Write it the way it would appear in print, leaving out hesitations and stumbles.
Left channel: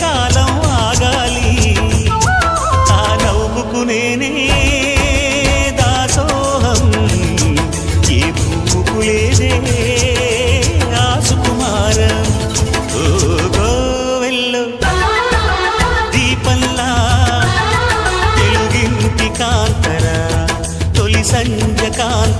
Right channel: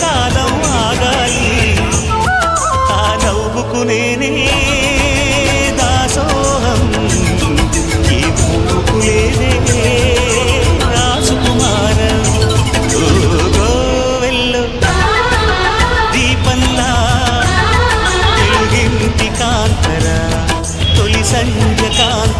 కాలం ఆగాలి ఆ నవ్వుకు నేనే దాసోహం ఏ పువ్వుకు లేదే ఆ సుకుమారం ఓ గోవెల్లో దీపంలా తెలుగింటి కాంతరా తొలి సంధ్య కాంత